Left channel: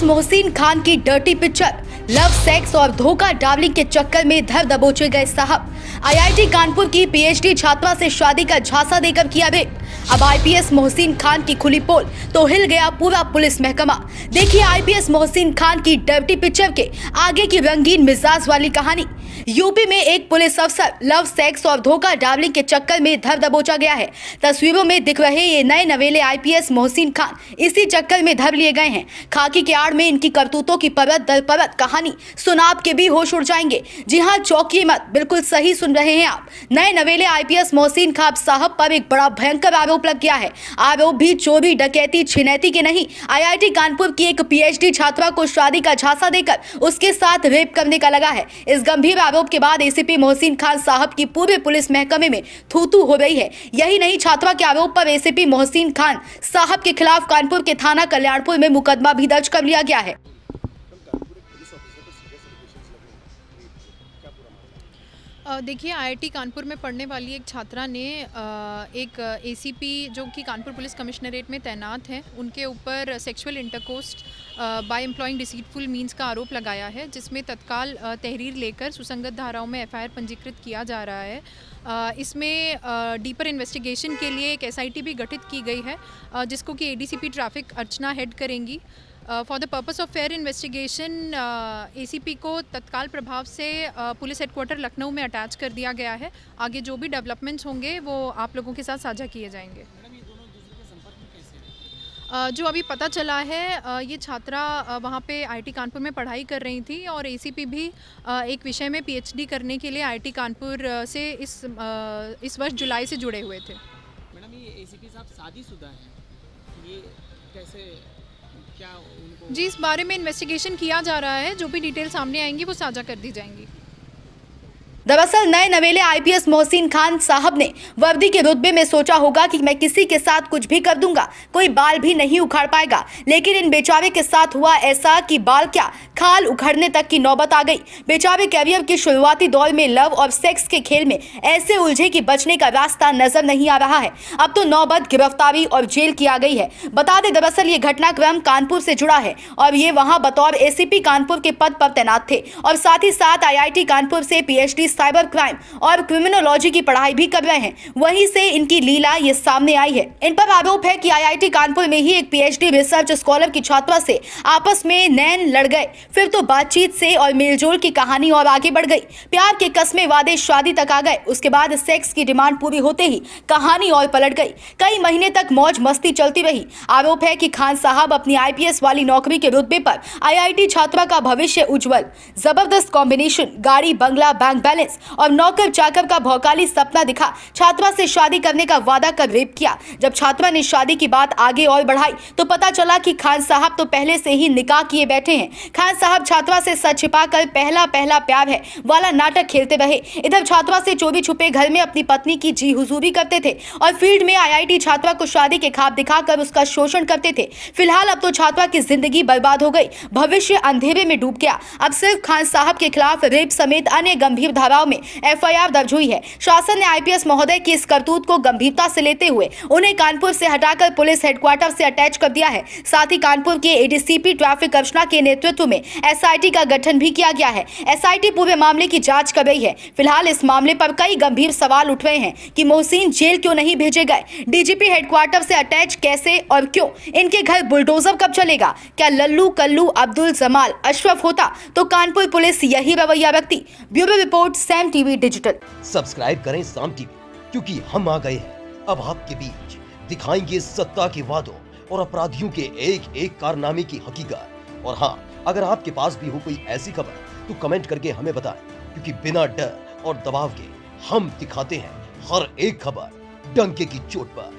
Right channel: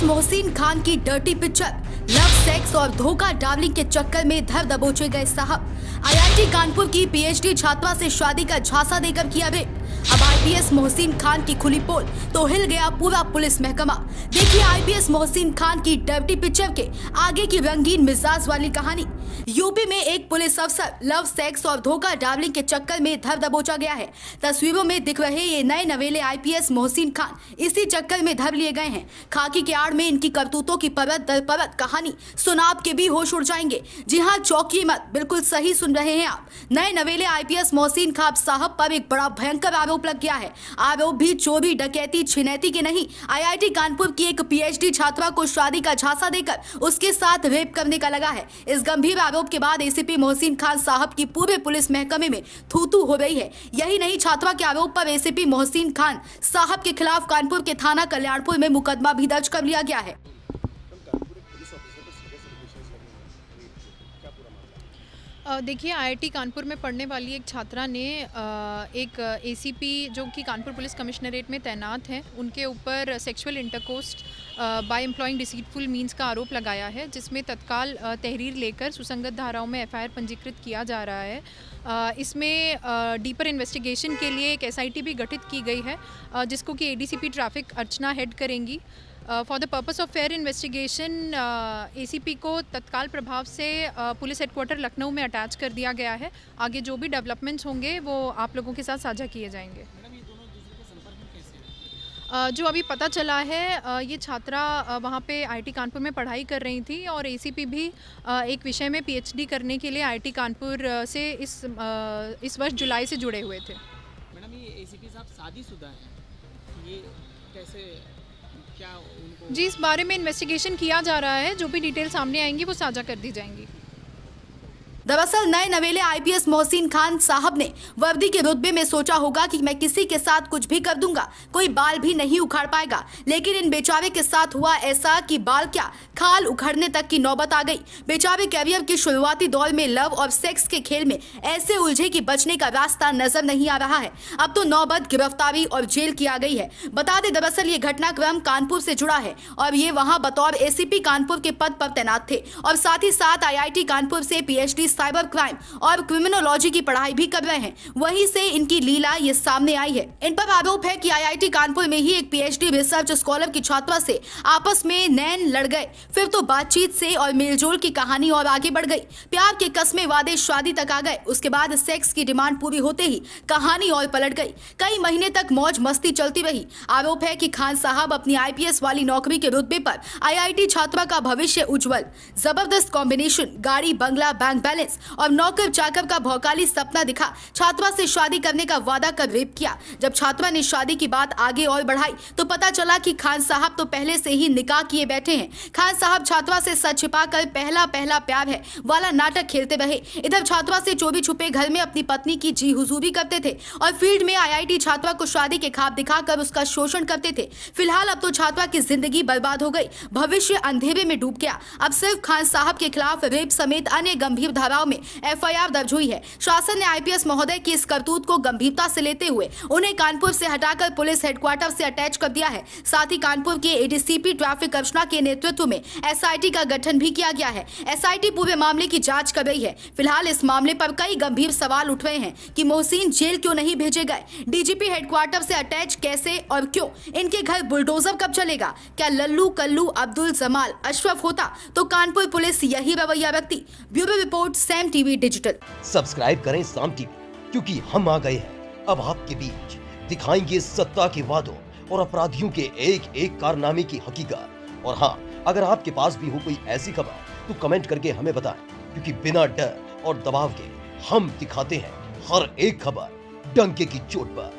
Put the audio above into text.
IPS Mohsin Khan की dirty picture, love sex और धोखा डार्लिंग के चक्कर में धर दबोचे गए साहब। आईआईटी कानपुर की पीएचडी छात्रा से शादी का झांसा देकर किया रेप। अब आईपीएस मोहसिन खान की खुली पोल तो हिल गया पूरा पुलिस महकमा। देखिए आईपीएस मोहसिन खान की डर्टी पिक्चर के आगे की रंगीन मिजाज वाली कहानी। यूपी में एक पुलिस अफसर लव सेक्स और धोखा डार्लिंग के चक्कर में धर दबोचा गया है। तस्वीरों में दिख रहे ये नए नवेले आईपीएस मोहसिन खान इसी चक्कर में धर लिए गए हैं। खाकी के आड़ में इनकी करतूतों की परत दर परत कहानी सुना आपके भी होश उड़ जाएंगे। जी हाँ, चौंकिए मत, बिल्कुल सही सुन रहे हैं आप। नए नवेले आईपीएस मोहसिन खान साहब पर एक बड़ा भयंकर आरोप लग गया है। आरोप भी चोरी डकैती छिनैती के नहीं, आईआईटी कानपुर की एक पीएचडी छात्रा को शादी का झांसा देकर उसके साथ रेप करने का लगा है। इस गंभीर आरोप के बाद एसीपी मोहसिन खान साहब की पूरे पुलिस महकमे में थू-थू हो रही है। यही नहीं, छात्रा के आरोप पर एसीपी मोहसिन खान साहब के खिलाफ कानपुर के थाना कल्याणपुर में मुकदमा भी दर्ज कर लिया गया है। देखिए, आईआईटी कानपुर में पढ़ने वाली एक छात्रा ने एक एसीपी जो कि कानपुर पुलिस कमिश्नरेट में तैनात हैं, उनके ऊपर sexual intercourse by employing deceitful means का आरोप लगाया है, जिसमें तत्काल तहरीर लेकर सुसंगत धाराओं में एफआईआर पंजीकृत किया जा रहा है। इसमें डीपर इन्वेस्टिगेशन के लिए एक एसआईटी भी गठित की गई है, जिसको कि एडीसीपी ट्रैफिक अर्चना हेड करेंगी। For the purpose of fair investigation ACP को तत्काल प्रभाव से पुलिस हेडक्वार्टर लखनऊ में अटैच कर दिया गया है। आगे जो भी डेवलपमेंट्स होंगे वो आप लोगों के साथ साझा किए जाएंगे। मैडम, ये दोनों दूसरे के संपर्क में कैसे हैं? जो अभी पता चला है, ये छात्रा वहाँ पे आईआईटी कानपुर में पढ़ाई कर रही थी और एसीपी भी एक विषय में पीएचडी करने के लिए आईआईटी कानपुर से इस वर्ष जुलाई से जुड़े हुए थे। मैडम, ये एसीपी साहब शादीशुदा हैं, ये कैसे, क्या उनको? जी, इस बारे में इन्वेस्टिगेशन किया जा रहा है। जो भी डिटेल सामने आएंगी वो साझा कर दी जाएंगी। दरअसल नए नवेले आईपीएस मोहसिन खान साहब ने वर्दी के रुतबे में सोचा होगा कि मैं किसी के साथ कुछ भी कर दूंगा, कोई बाल भी नहीं उखाड़ पाएगा। लेकिन इन बेचारे के साथ हुआ ऐसा कि बाल क्या, खाल उखड़ने तक की नौबत आ गई। बेचारे कैरियर के शुरुआती दौर में लव और सेक्स के खेल में ऐसे उलझे कि बचने का रास्ता नजर नहीं आ रहा है। अब तो नौबत गिरफ्तारी और जेल की आ गई है। बता दें, दरअसल ये घटनाक्रम कानपुर से जुड़ा है और ये वहाँ बतौर एसीपी कानपुर के पद पर तैनात थे और साथ ही साथ आईआईटी कानपुर से पीएचडी साइबर क्राइम और क्रिमिनोलॉजी की पढ़ाई भी कर रहे हैं। वहीं से इनकी लीला ये सामने आई है। इन पर आरोप है कि आईआईटी कानपुर में ही एक पीएचडी रिसर्च स्कॉलर की छात्रा से आपस में नैन लड़ गए, फिर तो बातचीत से और मेलजोल की कहानी और आगे बढ़ गई। प्यार के कस्मे वादे शादी तक आ गए। उसके बाद सेक्स की डिमांड पूरी होते ही कहानी और पलट गई। कई महीने तक मौज मस्ती चलती रही। आरोप है कि खान साहब अपनी आईपीएस वाली नौकरी के रुतबे पर आईआईटी छात्रा का भविष्य उज्जवल, जबरदस्त कॉम्बिनेशन, गाड़ी बंगला बैंक बैलेंस और नौकर चाकर का भौकाली सपना दिखा। छात्रा से शादी करने का वादा कर रेप किया। जब छात्रा ने शादी की बात आगे और बढ़ाई तो पता चला कि खान साहब तो पहले से ही निकाह किए बैठे हैं। खान साहब छात्रा से सच छिपाकर पहला प्यार है वाला नाटक खेलते रहे। इधर छात्रा से चोरी छुपे घर में अपनी पत्नी की जी हुजूरी करते थे और फील्ड में आईआईटी छात्रा को शादी के ख्वाब दिखाकर उसका शोषण करते थे। फिलहाल अब तो छात्रा की जिंदगी बर्बाद हो गई, भविष्य अंधेरे में डूब गया। अब सिर्फ खान साहब के खिलाफ रेप समेत अन्य गंभीर धाराओं में एफआईआर दर्ज हुई है। शासन ने आईपीएस महोदय की इस करतूत को गंभीरता से लेते हुए उन्हें कानपुर से हटाकर पुलिस हेडक्वार्टर से अटैच कर दिया है। साथ ही कानपुर के एडीसीपी ट्रैफिक अर्चना के नेतृत्व में एसआईटी का गठन भी किया गया है। एसआईटी पूरे मामले की जांच कर रही है। फिलहाल इस मामले पर कई गंभीर सवाल उठ रहे हैं कि मोहसिन जेल क्यों नहीं भेजे गए, डीजीपी हेडक्वार्टर से अटैच कैसे और क्यों, इनके घर बुलडोजर कब चलेगा, क्या लल्लू कल्लू अब्दुल जमाल अशरफ होता तो कानपुर पुलिस यही रवैया रखती। Bureau report, Sam TV digital. Subscribe करें साम टीवी, क्योंकि हम आ गए हैं अब आपके बीच। दिखाएंगे सत्ता के वादों और अपराधियों के एक एक कारनामे की हकीकत। और हाँ, अगर आपके पास भी हो कोई ऐसी खबर तो कमेंट करके हमें बताएं, क्योंकि बिना डर और दबाव के हम दिखाते हैं हर एक खबर डंके की चोट पर।